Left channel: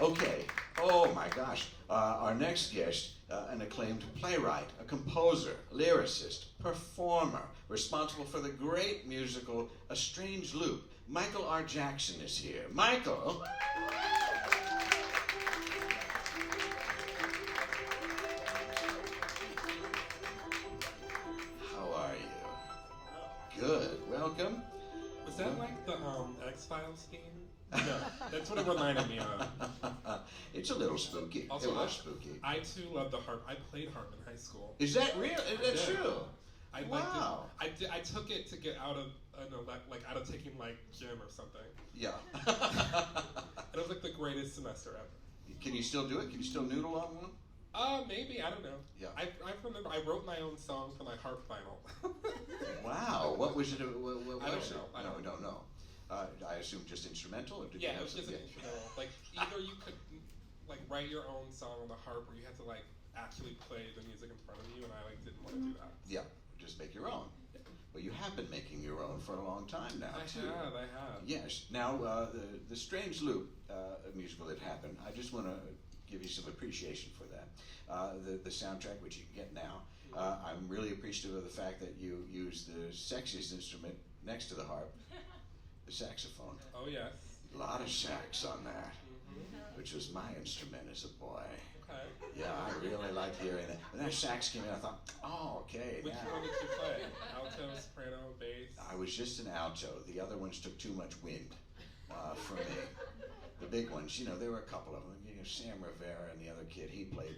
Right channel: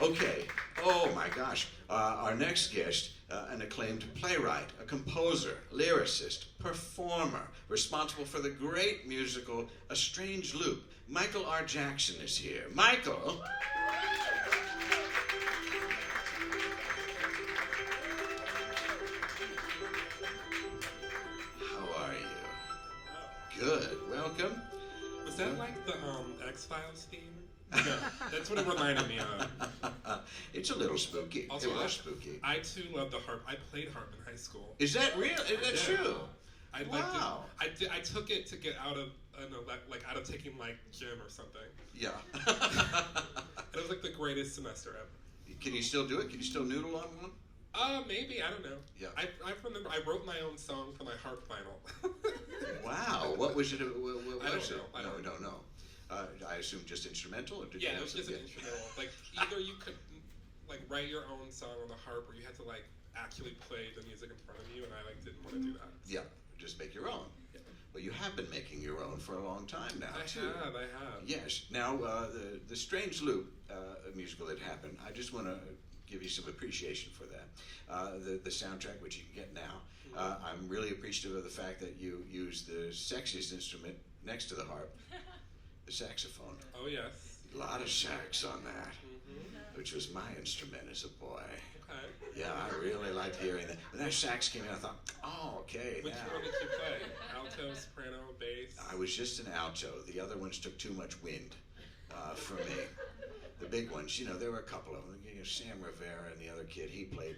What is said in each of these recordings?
Okay. Oh my gosh. Our next guest, an acclaimed playwright, a composer, lyricist, performer, responsible for the great musical A Strange Loop. Michael R. Jackson is here. Michael. How are you? Good. Welcome. Was that like the X-Files theme? No, that's what it reminded me of. It's a little spooky. Also, it was spooky. I too love the harp. I played harp in high school. Is that real? Is that true? Wow. I took it to get out of out of taking like gym or something. Yeah. It was like the greatest semester ever. Can you still do it? Can you still noodle on one? Maybe, I don't know. Yeah. I remember I wrote my own song for my harp final. Wow. What was it? What I don't was know. it? No, we don't know. I assume just instrumental? Or did Yeah, you it was just an instrumental. Like, either you could like write your own song on the harp, or you had to like actually play the music in front of you, and I like didn't want to do that. Yeah, just make your own. Yeah. Well, you have been making your own for a long time now, I too. have. Yes. Now, the Strange Loop musical that happened, I just want to give you some appreciation for that. The soundtrack, which you can get now, I'm really appreciative of the fact that you use the sexiest instrument next to the harp, the saxophone. Oh, yes. A lot of sax on that, Mm-hmm. which was my instrument as a boy. Okay. Yeah, I really liked hearing that. When that sax came in, I thought, oh, okay, Which now. one did you play? Alto, soprano, bass? I was just an alto. The other ones took too much wind for me. The big ones, there were a couple of them. Sam Rivera and the other kid, he played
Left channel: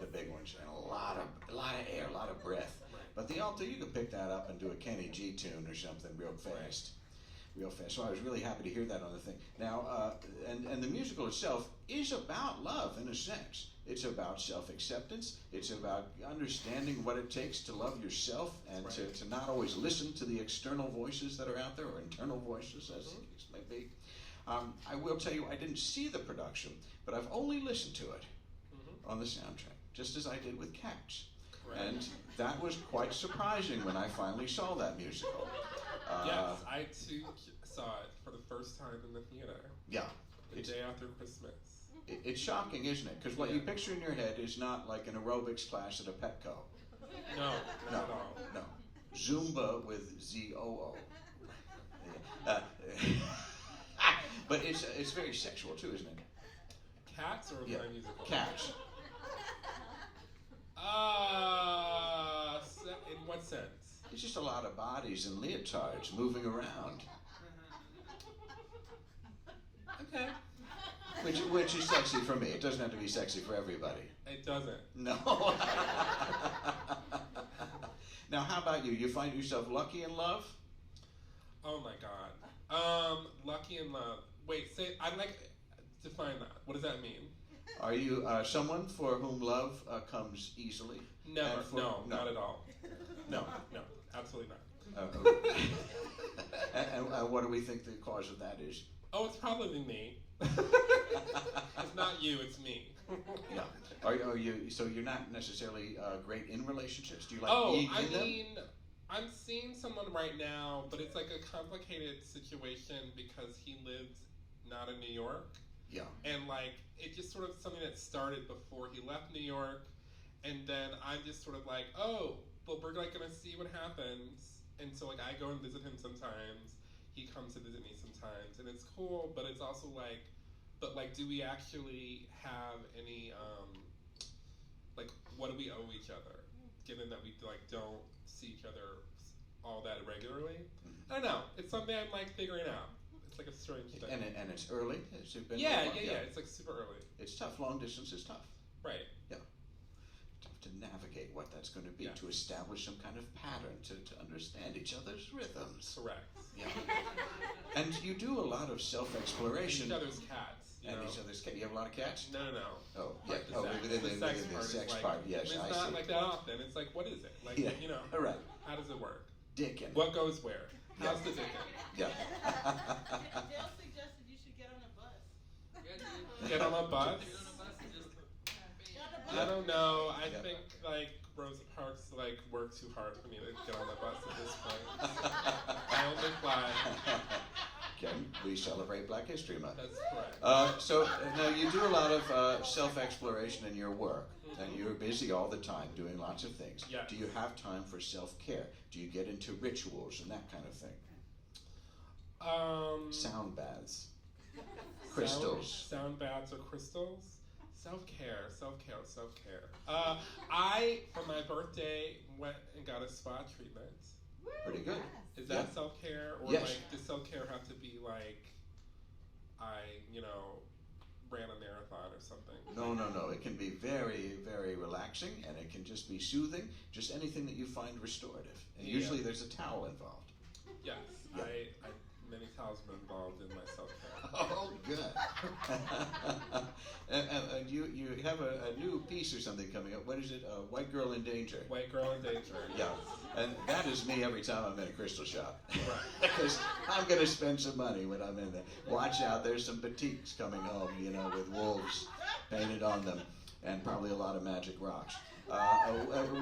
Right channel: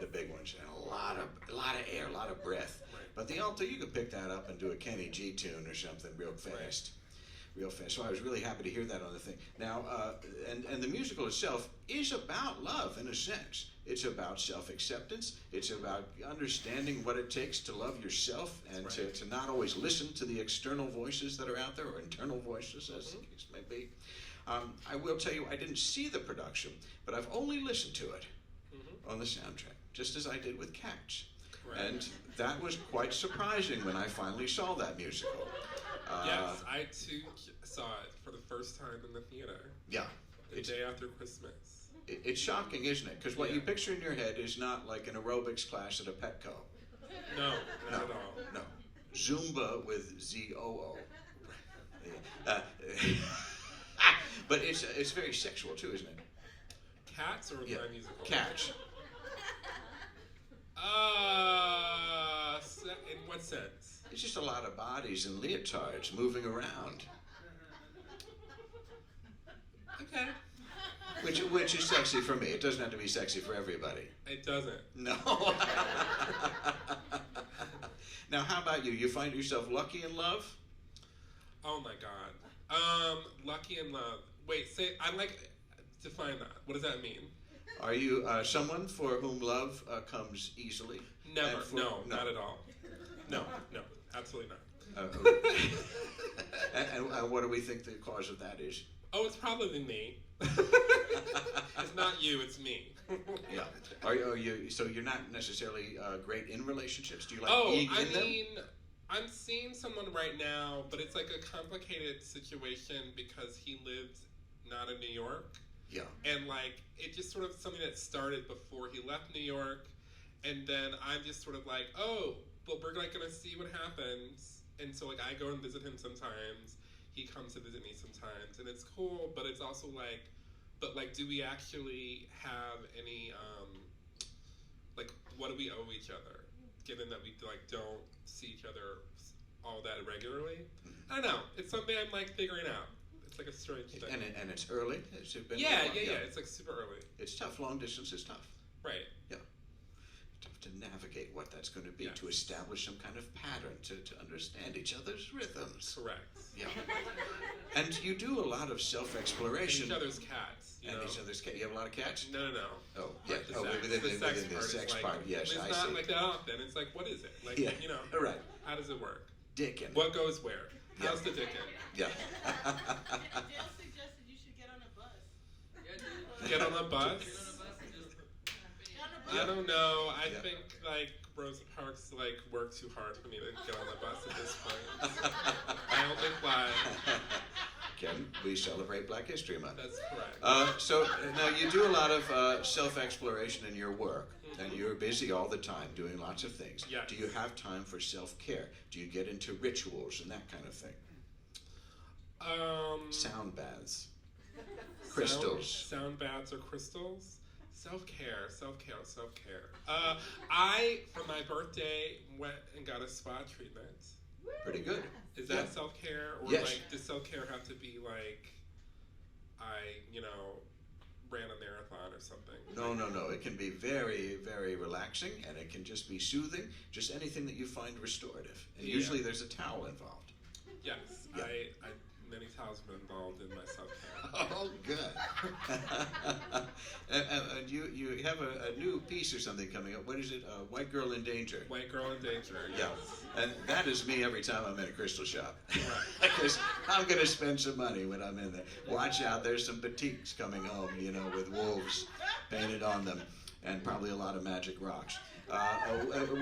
the big ones, and a lot of air, a lot of breath. Right. But the alto, you could pick that up and do a Kenny G tune or something real fast. Real fast. So I was really happy to hear that on the thing. Now, and the musical itself is about love in a sense. It's about self-acceptance. It's about understanding what it takes to love yourself and right. to not always listen to the external voices that are out there, or internal voices, as the case may be. I will tell you, I didn't see the production, but I've only listened to it on the soundtrack, just as I did with Cats. Correct. And that was quite surprising when I finally saw that musical. Yes, I too saw it for the first time in the theater. Yeah. The day after Christmas. It's shocking, isn't it? Because what you picture in your head is not like an aerobics class at a Petco. No, not at all. No. Zumba with Z-O-O. But it's very sexual too, isn't it? Cats or my musical? Cats. In what sense? It's just a lot of bodies and leotards moving around. Okay. Which is sexy for me. It doesn't have to be sexy for everybody. It doesn't. No. Now, how about you? You find yourself lucky in love? Oh my God. Lucky in love. Wait, define that. What does that mean? Are you someone for whom love comes easily? Never. No, not at all. No, absolutely not. And what do we think the cause of that is? Oh, it's probably me. It's not you, it's me. Yeah. Are you? So you're not necessarily great in relationships. Do you like being in them? I'm seeing someone right now, but it's like a complicated situation because he lives not in New York. Yeah. And like it just sort of something that started before he left New York, and then I'm just sort of like, oh, well, we're like gonna see what happens, and so like I go and visit him sometimes. He comes to visit me sometimes, and it's cool, but it's also like, do we actually have any, like, what do we owe each other, given that we, like, don't see each other all that regularly? I don't know. It's something I'm, like, figuring out. It's, like, a strange thing. And it's early? Has it been Yeah. It's, like, super early. It's tough. Long distance is tough. Right. Yeah. Tough to navigate what that's going to be, to establish some kind of pattern, to understand each other's rhythms. Correct. Yeah. And you do a lot of self-exploration. And each other's cats. Each other's cats. You have a lot of cats? No. Oh, yeah. Within The sex part, yes, I see. It's not like that often. It's like, what is it? Like, All right. How does it work? Dickin'. What goes where? How's the dickin'? Yeah. Jill suggested you should get on a bus. Get on a bus? I don't know. I Yeah. think like Rosa Parks like worked too hard for me to get on the bus at this point. I only fly. Ken, we celebrate Black History Month. That's correct. So now you do a lot of self-exploration in your work, and you're busy all the time doing lots of things. Yes. Do you have time for self-care? Do you get into rituals and that kind of thing? Sound baths, crystals. Sound baths or crystals? Self-care. I, for my birthday, went and got a spa treatment. Pretty good. Is that self-care? Or Yes. like, does self-care have to be like, ran a marathon or something? No. It can be very, very relaxing, and it can just be soothing. Just anything that you find restorative. And usually there's a towel involved. Yes. Yeah. I many times been involved in my self-care. Oh, good. and you have a new piece or something coming up. What is it? White Girl in Danger. White Girl in Danger. Yeah. And that is me every time I'm in a crystal shop. Because I'm going to spend some money when I'm in there. Watch out, there's some batiks coming home, with wolves painted on them, and probably a lot of magic rocks.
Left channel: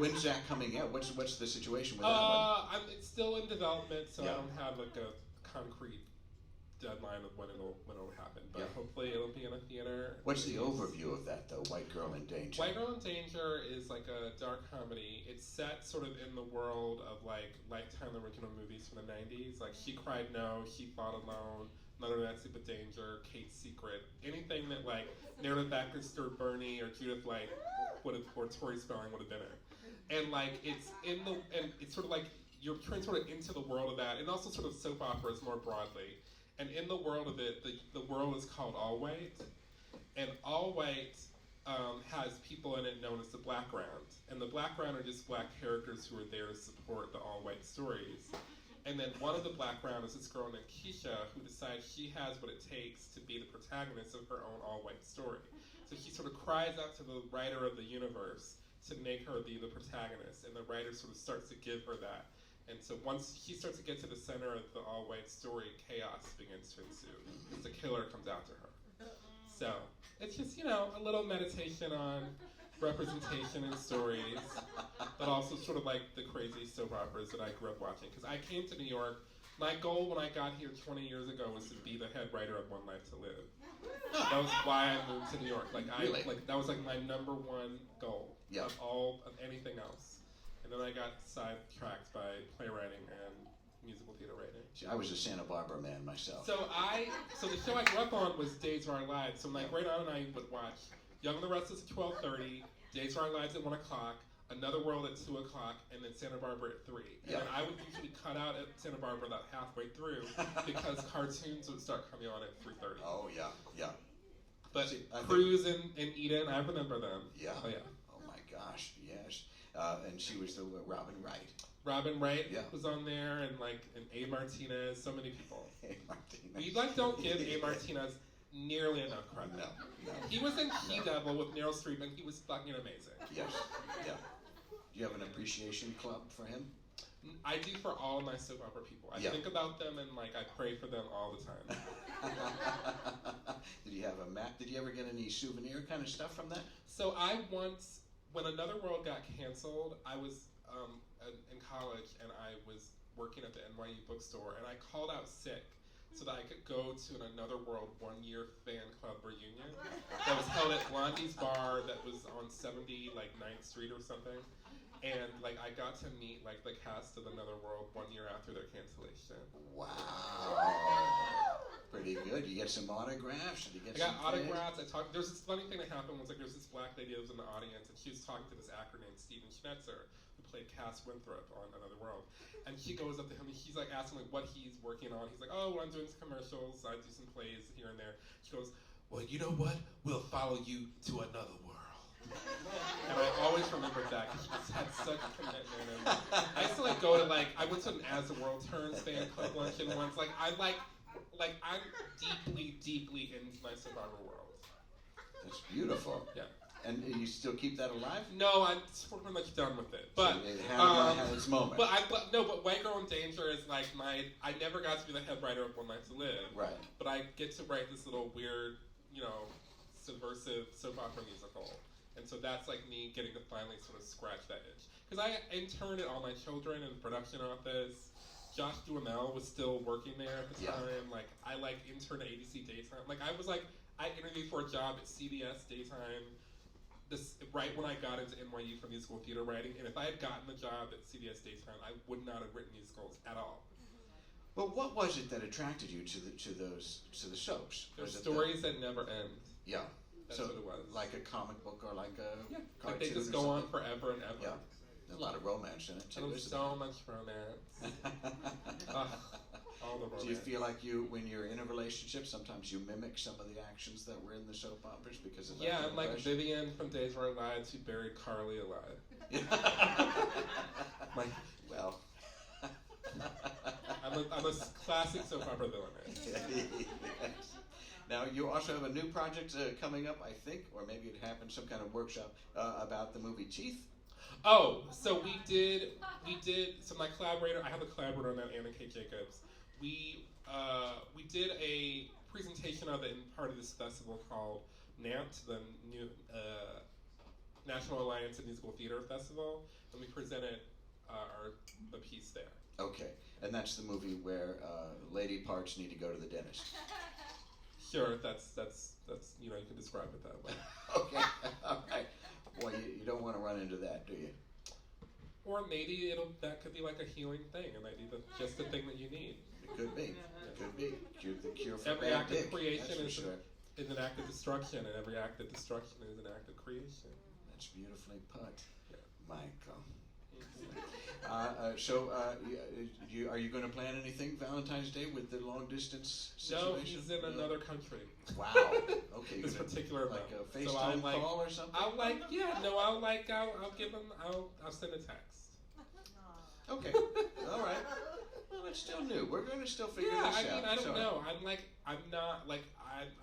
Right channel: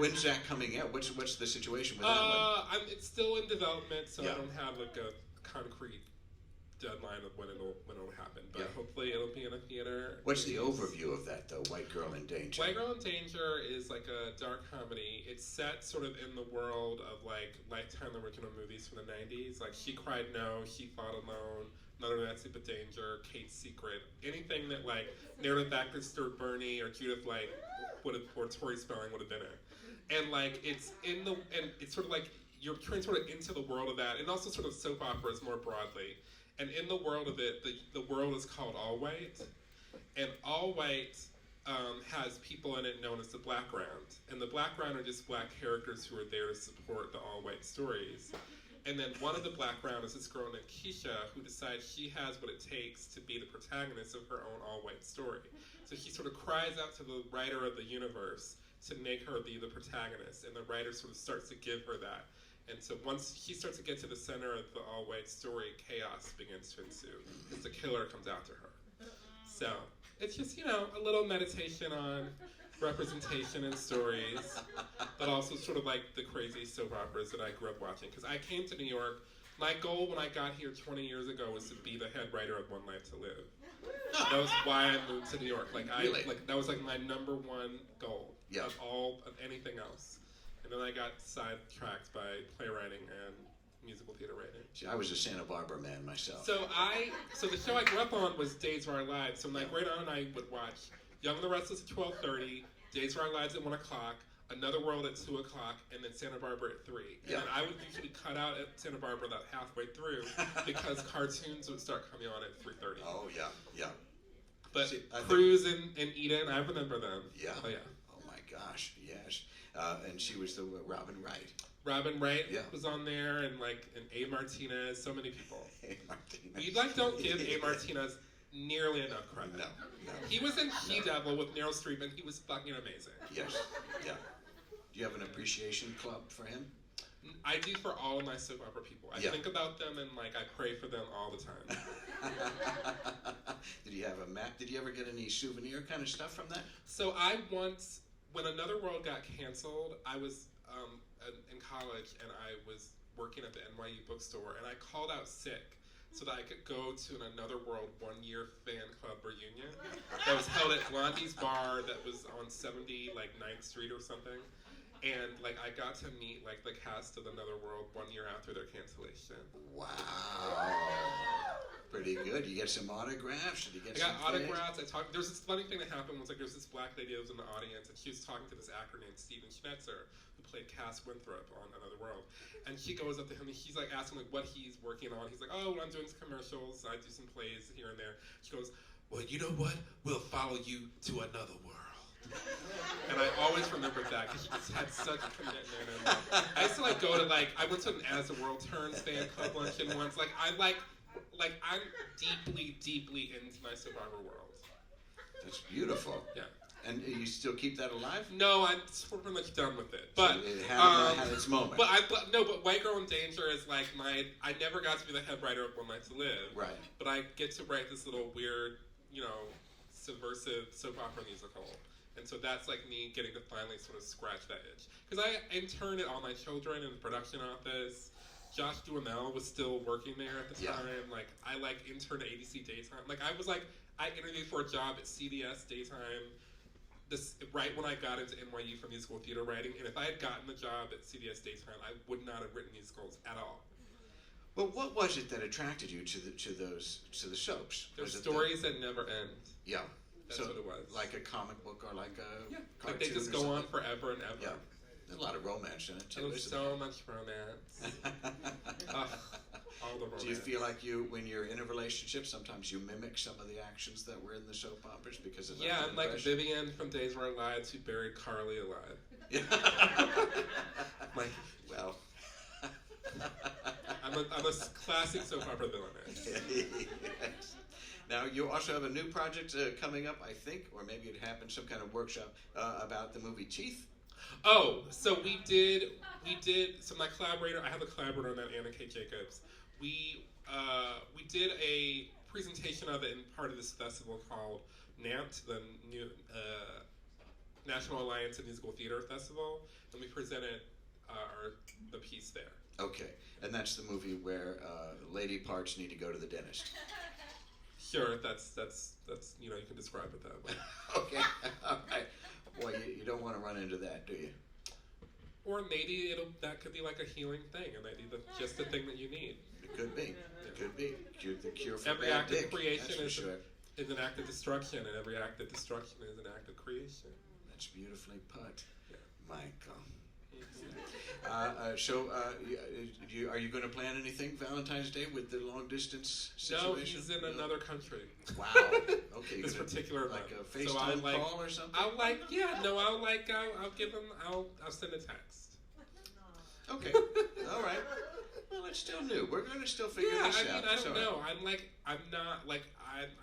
When's that coming out? What's the situation with that one? It's still in development, so Yeah. I don't have like a concrete deadline of when it'll happen. But Yeah. hopefully it'll be in a theater. What's the overview of that, though? White Girl in Danger. White Girl in Danger is like a dark comedy. It's set sort of in the world of like Lifetime original movies from the 90s. Like She Cried No, She Fought Alone, Another Nancy But Danger, Kate's Secret. Anything that like Meredith Baxter, Stuart Burney, or Judith Light or Tori Spelling would have been in. And like it's sort of like you're transported into the world of that, and also sort of soap operas more broadly. And in the world of it, the world is called All White, and All White has people in it known as the Background, and the Background are just black characters who are there to support the All White stories. And then one of the Background is this girl named Keisha, who decides she has what it takes to be the protagonist of her own All White story. So she sort of cries out to the writer of the universe to make her be the protagonist, and the writer sort of starts to give her that. And so once she starts to get to the center of the all-white story, chaos begins to ensue, because the killer comes after her. So it's just, a little meditation on representation in stories, but also sort of like the crazy soap operas that I grew up watching. Because I came to New York, my goal when I got here 20 years ago was to be the head writer of One Life to Live. That was why I moved to New York. Really? That was like my number one goal Yeah. of anything else. And then I got sidetracked by playwriting and musical theater writing. See, I was a Santa Barbara man myself. So the show I grew up on was Days of Our Lives. So my great aunt and I would watch Young and the Restless at 12:30, Days of Our Lives at 1 o'clock, Another World at 2 o'clock, and then Santa Barbara at 3. And Yeah. then I would usually cut out at Santa Barbara about halfway through because cartoons would start coming on at 3:30. Oh, yeah. But See, I Cruz and Eden, I remember them. Yeah. Oh, yeah. Oh, my gosh, yes. And she was the Robin Wright. Robin Wright Yeah. was on there, and A. Martinez, so many people. Hey, Martinez. We don't give A. Martinez nearly enough credit. No. He was in She-Devil with Meryl Streep, and he was fucking amazing. Yes, yeah. Do you have an appreciation club for him? I do for all of my soap opera people. I Yeah. think about them and I pray for them all the time. Did you have a map? Did you ever get any souvenir kind of stuff from that? So I once, when Another World got canceled, I was in college and I was working at the NYU bookstore, and I called out sick so that I could go to an Another World one-year fan club reunion that was held at Blondie's Bar that was on 9th Street or something. And I got to meet the cast of Another World 1 year after their cancellation. Wow. Pretty good. You get some autographs? Did you get I some got autographs. There's this funny thing that happened. There's this black lady that was in the audience, and she was talking to this actor named Steven Schnetzer, who played Cass Winthrop on Another World. And she goes up to him, and he's asking what he's working on. He's like, "Oh, well, I'm doing some commercials. I do some plays here and there." She goes, "Well, you know what? We'll follow you to another world." And I always remembered that because she just had such a commitment. And I used to go to I went to an As the World Turns fan club luncheon once. I'm deeply into my soap opera world. That's beautiful. Yeah. And you still keep that alive? No, I'm pretty much done with it. But so it had its moment. But White Girl in Danger is I never got to be the head writer of One Life to Live. Right. But I get to write this little weird, subversive soap opera musical. And so that's me getting to finally sort of scratch that itch. Because I interned at All My Children in the production office, Josh Duhamel was still working there at the Yeah. time. Like, I like interned at ABC Daytime. Like, I was like, I interviewed for a job at CBS Daytime right when I got into NYU for musical theater writing. And if I had gotten the job at CBS Daytime, I would not have written musicals at all. Well, what was it that attracted you to the soaps? They're Was it stories that never end. Yeah. That's So, what it was. like a comic book or like a Yeah, cartoon like they just or go on something? forever and ever. Yeah. There's a lot of romance in it too. And there's Isn't so much romance. Ugh, all the romance. Do you feel like when you're in a relationship, sometimes you mimic some of the actions that were in the soap operas because of Yeah, that I'm like impression? Vivian from Days of Our Lives who buried Carly alive. Yeah. Like, well. I'm a classic soap opera villain. Yes. Now you also have a new project coming up, I think, or maybe it happened, some kind of workshop about the movie Teeth. Oh, so we did. So my collaborator, I have a collaborator on that, Anna K. Jacobs. We did a presentation of it in part of this festival called NAMT, the new National Alliance of Musical Theater Festival, and we presented the piece there. Okay, and that's the movie where lady parts need to go to the dentist. Sure, that's you can describe it that way. Okay, all right. Boy, you don't want to run into that, do you? Or maybe that could be like a healing thing, and maybe just the thing that you need. It could be. It could be. The cure for Every bad act dick. of creation That's for sure. is an act of destruction, and every act of destruction is an act of creation. That's beautifully put, Yeah. Michael. So, are you going to plan anything Valentine's Day with the long distance situation? No, he's in another country. Wow. Okay. This you're gonna- particular like month. a So I'll, FaceTime call or something. I'll give him. I'll send a text. Okay. All right. Well, it's still new. We're going to still figure Yeah, this I mean, out. I It's don't all right. know.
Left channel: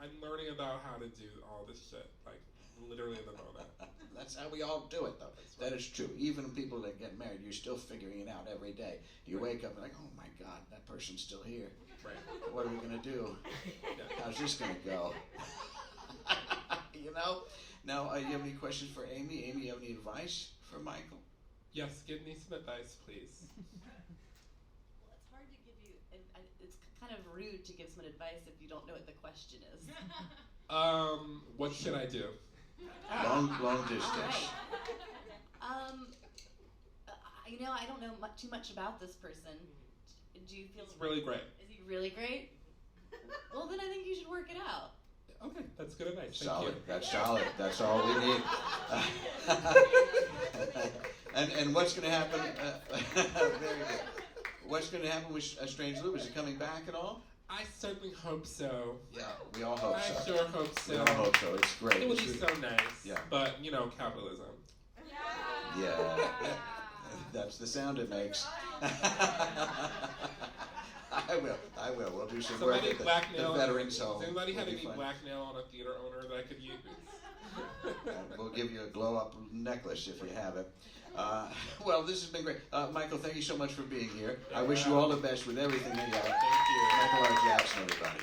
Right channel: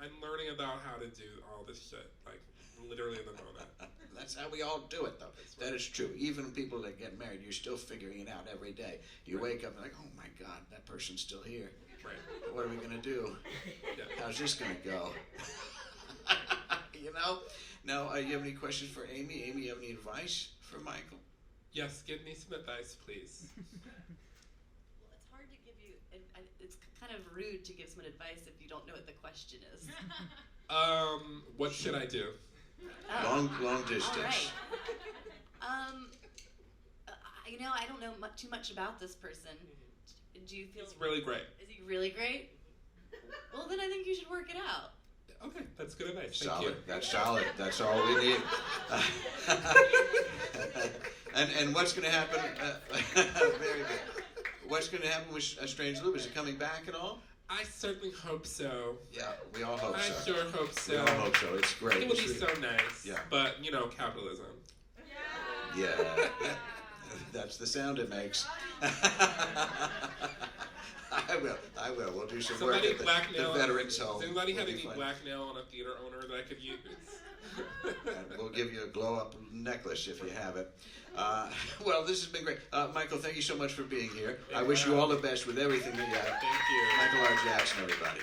I'm learning about how to do all this shit, like literally in the moment. That's how we all do it, though. That is true. Even people that get married, you're still figuring it out every day. You wake up and like, oh my God, that person's still here. Right. What are we going to do? Yeah. How's this going to go? You know? Now, you have any questions for Amy? Amy, you have any advice for Michael? Yes, give me some advice, please. Well, it's hard to give you, and it's kind of rude to give someone advice if you don't know what the question is. What should I do? Long All distance. right. I don't know too much about this person. Do you feel? It's really great. Is he really great? Well, then I think you should work it out. Okay, that's good advice. Thank Solid. you. That's solid. That's all we need. And what's going to happen? Very good. What's going to happen with Strange Loop? Is it coming back at all? I certainly hope so. Yeah, we all hope I so. sure hope so. We all hope so. It's great. It would be It's so really- nice. Yeah. But, capitalism. Yeah, that's the sound it makes. I will. We'll do some work Somebody at the blackmail. Veterans Home. Does anybody have We'll be any fine. blackmail on a theater owner that I could use? And we'll give you a glow-up necklace if you have it. Well, this has been great. Michael, thank you so much for being here. I wish you all the best with everything you got. Thank you. Michael R. Jackson, everybody.